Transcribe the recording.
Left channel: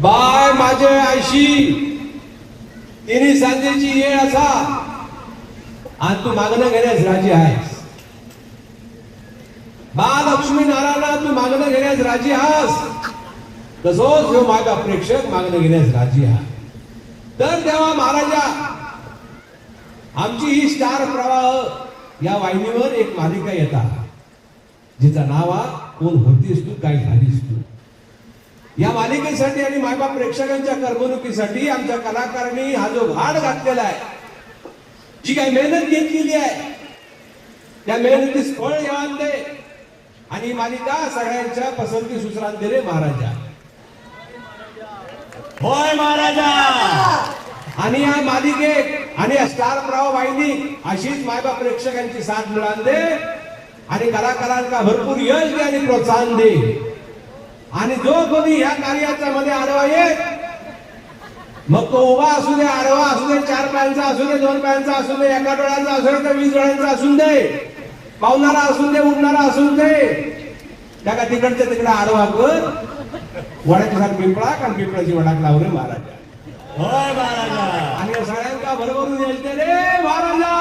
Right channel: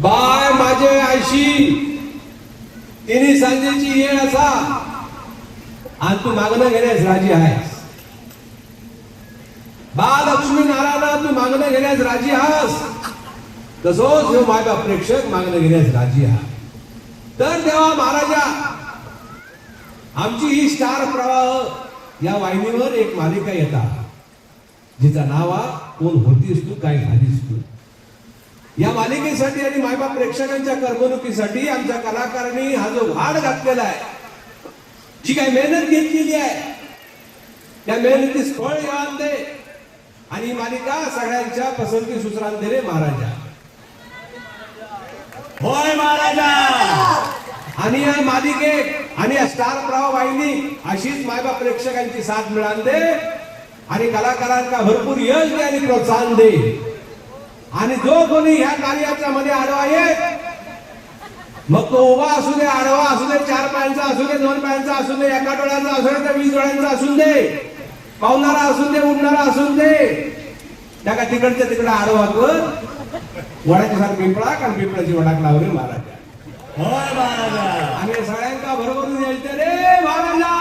Bye माझे आयशी तिन्ही सांजेची येळ असा आणि तू मागणं घेण्यास राजी आहेस. बा लक्ष्मी नारायण तू मागणं घेण्यास राजी आहेस. तसोच जो माझा प्रेक्षक मागणं घेण्यास राजी आहे. तर तेव्हा महाराजा आमची ही स्टार प्रवाह या वाहिनीवर एक मालिका येतात जिचं नाव आहे कोण होतीस तू काय झालीस तू. या मालिकेसाठी आणि मायबाप प्रेक्षकांच्या करमणुकीसाठी आमच्या कलाकारांनी हा जो वाढ घातलेला आहे जी काही मेहनत घेतलेली आहे त्या मेहनतीस फळ येणार दे आणि ही मालिका सगळ्यांच्या पसंती सुसरात दे रे महाराजा. होय महाराजा. आणि या मालिकेत आणि स्टार प्रवाह वाहिनी अशीच मायबाप प्रेक्षकांची साथ मिळाल दे आणि कलाकारांना भरपूर यश दे आणि प्रोत्साहन दे. आणि जो कोणी ह्या कार्याच्या मध्ये आडवा येत मग तो उभा असू दे आडवा असू दे 4 पायांचा असू दे 2 पायांचा असू दे 1 डोळ्याचा असू दे 20 डोळ्यांचा असू दे पावणारा असू दे उडणारा असू दे त्याला तिकडच्या तिकडे आडवा कर वडाच्या साथ पिंपळा कारण पिंपळाची वडाक लावले महाराजा. होय महाराजा. आणि सगळ्यांका बरोबर येते रे महाराजा.